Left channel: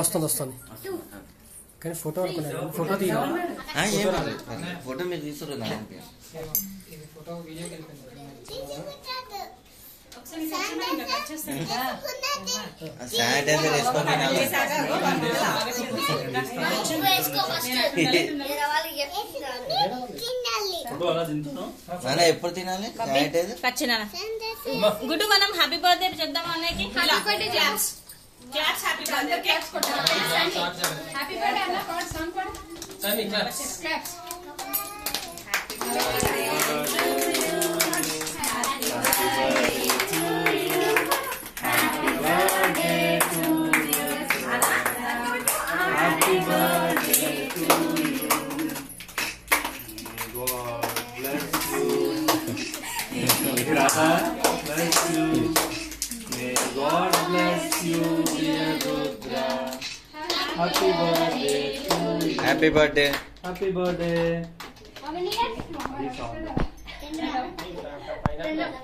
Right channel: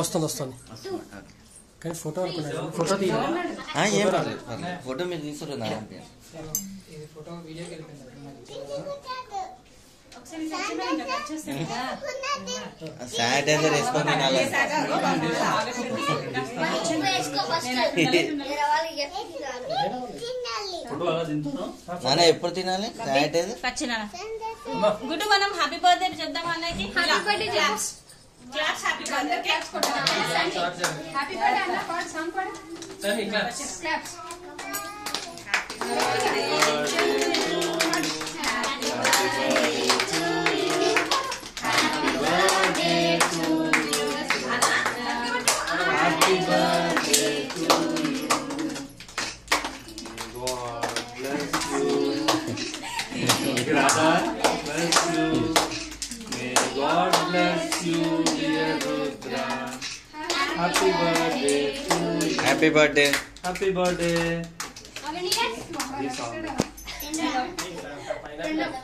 వస్తుంది వస్తుంది కానీ ఫోటో అనుకున్నాను. ఫోటో తీయాలి. ఫోటో మీరు తీసుకున్నారు. శానిటైజర్ వేసుకొని నాన్న ఎప్పుడు తినాలి శానిటైజర్? గుడ్డు మనం హ్యాపీ బర్త్డే చేద్దాం అన్నకి. Class happy birthday. Happy birthday అన్న పాడు సాంగ్ పాడు. సమి class. Class. Happy birthday happy birthday. Happy birthday.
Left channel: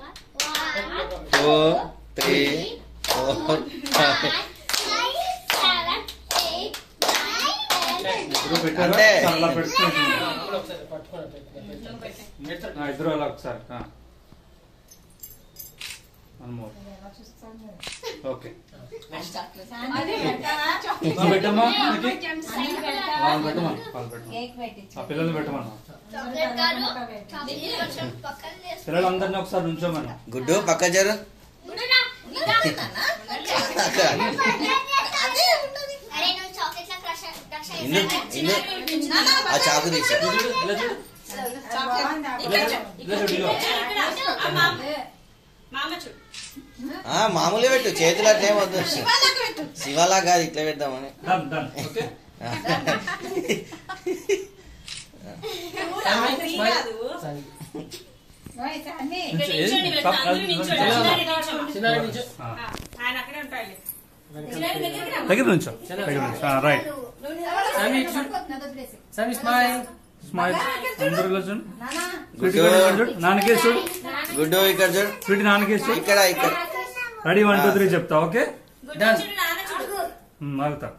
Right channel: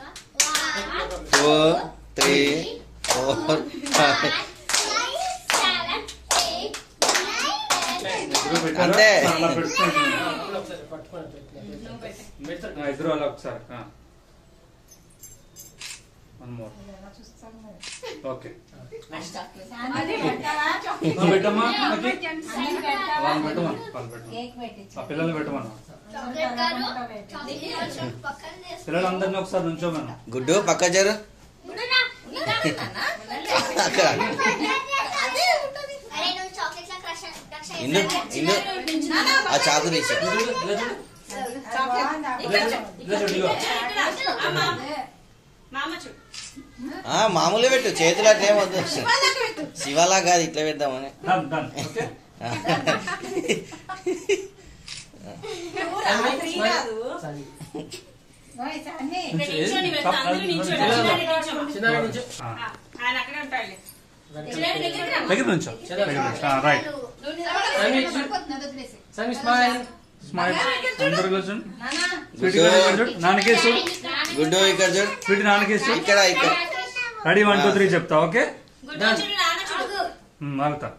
4 3 4 5 అంతే. ఇద్దరు అలా ఒకసారి. ఓకే పెట్టమ్మా. పిల్లల్ని పెట్టమన్నా. పిల్లలందరినీ ఒకసారి నుంచోమన్నా. గుడ్డు పక్క జరు. ఇందు ఇందు ఆ చాకు తీసి మామూలుగా పెట్టు. చేతులు అట్లేం వద్దు. శివలా కాదు, ఇట్లా పెడదామని. నాన్నకేసుడు. గుడ్డు ఇక్కడ చూడు. వీటి నాన్నకేసుడు. ఇక్కడ ఇక్కడ. రెడీ 1 2 3 చెప్తా. ఓకే ఆగుతా.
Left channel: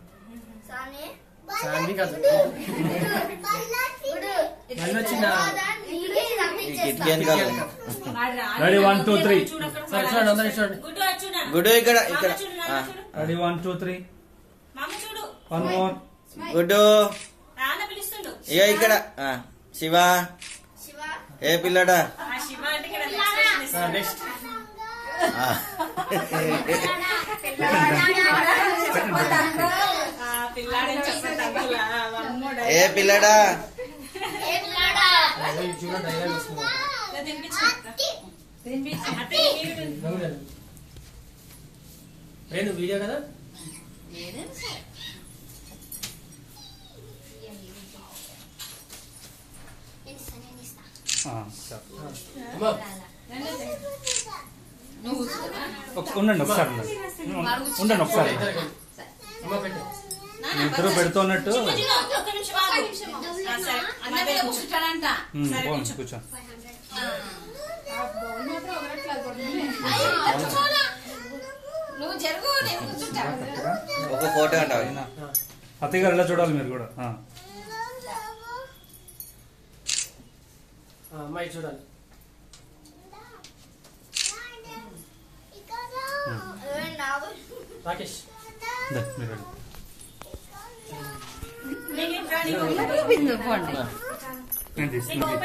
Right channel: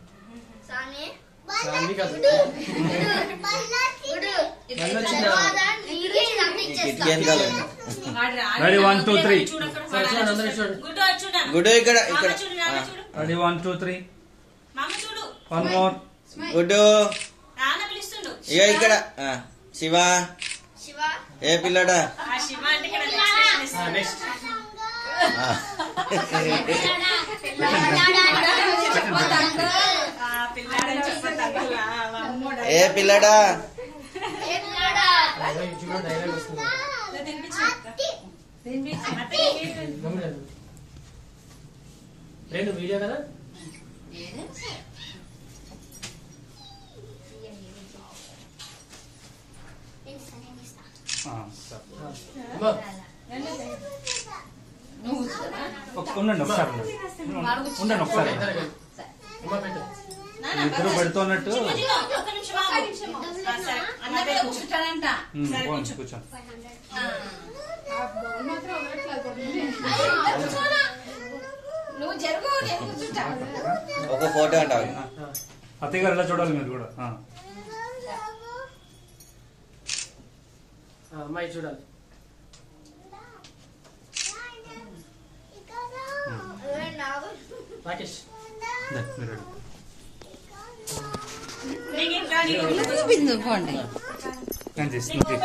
రెడీ 1 2 3. గుడ్డు ఇక్కడ ఇక్కడ. రెడీ 1 2 3. 1 మోర్. గుడ్డు ఇక ఇక్కడ. శివ ఏ పిల్లడా? ఏ పిల్లడా? వీడియో కదా. ఉండండి ఒకసారి. ఉండండి ఒకసారి. ఇద్దరు పెడుతున్నట్టు కూర్చో. ఒక ఫోటో అంటావు. అత్తయ్య గారు ఎలా చూడాలి మీరు కూడా. అమ్మాయి చూడాలి. రాకేష్ నేను తీసుకుంటాను.